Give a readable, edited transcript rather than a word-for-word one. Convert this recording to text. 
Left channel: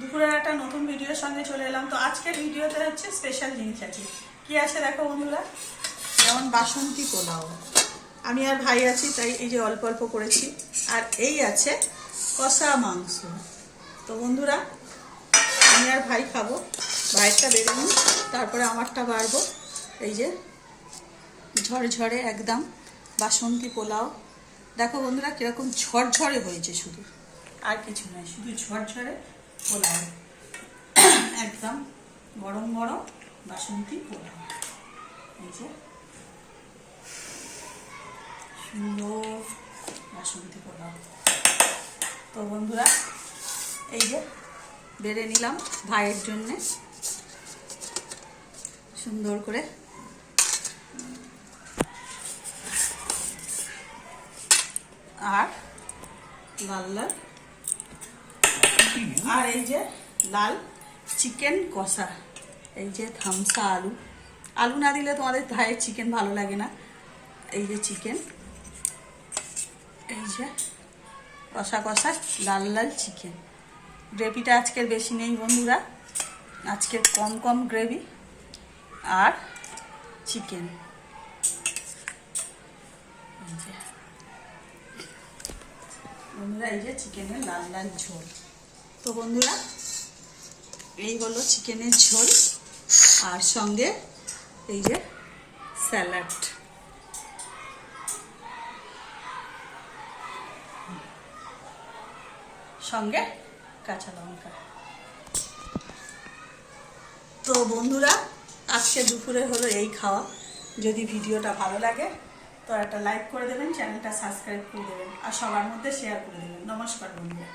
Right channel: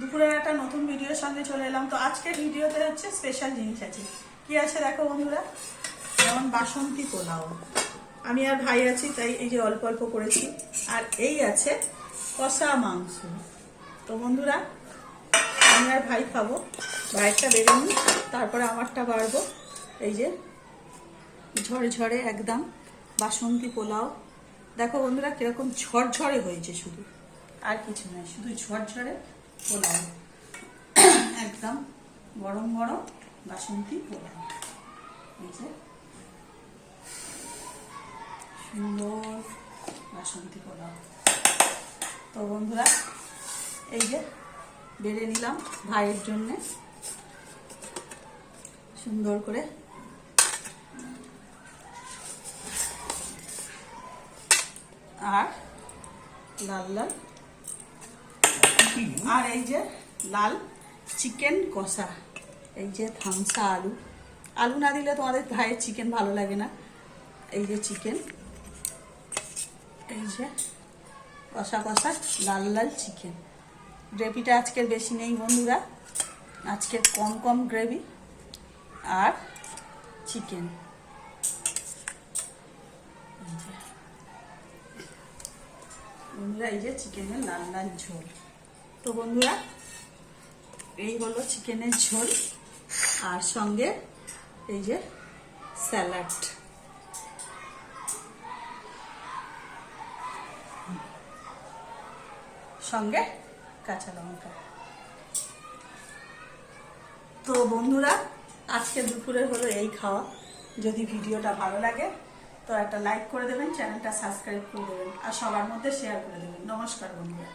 দুপুরের একটা নতুন ভিডিওর সঙ্গে চলে এলাম। তো আজকের ভিডিওতে হচ্ছে স্পেশাল জিনিস আছে। কি আছে দেখো বন্ধুরা, যেমন বাসন্তী পোলাও। আমি আর ভাই আছি তাই এই যে অল্প অল্প করেছি। আর এই আছে কষা মাংস। তো বন্ধুরা আমি আর ভাই খাবো, ভাইয়েরটা বেড়ে নিই, তারপরে আমারটা বাড়বো। এই যে ঝরঝরে একদম বাসন্তী পোলাও। দেখো বন্ধুরা কিরকম ঝরঝরে হয়েছে, শুধু আর কিছু নয়, শুধু ঝরঝরে পোলাও। একদম গরম গরম বাসন্তী পোলাও। এই যে সুন্দর বাসন্তী পোলাও। তো বন্ধুরা এই যে বেড়ে নিলাম ভাইয়ের জন্যে সুন্দর করে। আর লাল লাল, আর এই যে লাল চিকেন কষা। এই যে থামসা আলু, আলু না দিলে তোমাদের ভাইয়ের চিকেন ভালো লাগে না। এই যে চিকেন, এই যে কষা কষা লাল লাল চিকেন। গ্রেভিটা আজকের বেশি নেই বন্ধুরা, আজকে কম কম গ্রেভি আর চিকেন। বন্ধুরা এই যে চিকেনের লাল লাল ঝোল। তো বন্ধুরা এই হলো চিকেনের ঝোল, আর সঙ্গে এই যে স্যালাড। সঙ্গে কাঁচা লঙ্কা। তো বন্ধুরা আজকে দুপুরে হলো এই খাওয়া। যদি ভিডিওটা ভালো লাগে তো একটা লাইক করে দেবেন, চ্যানেলটা সাবস্ক্রাইব করে দেবেন, আর সবার মধ্যে শেয়ার করে দেবেন। নমস্কার বন্ধুরা।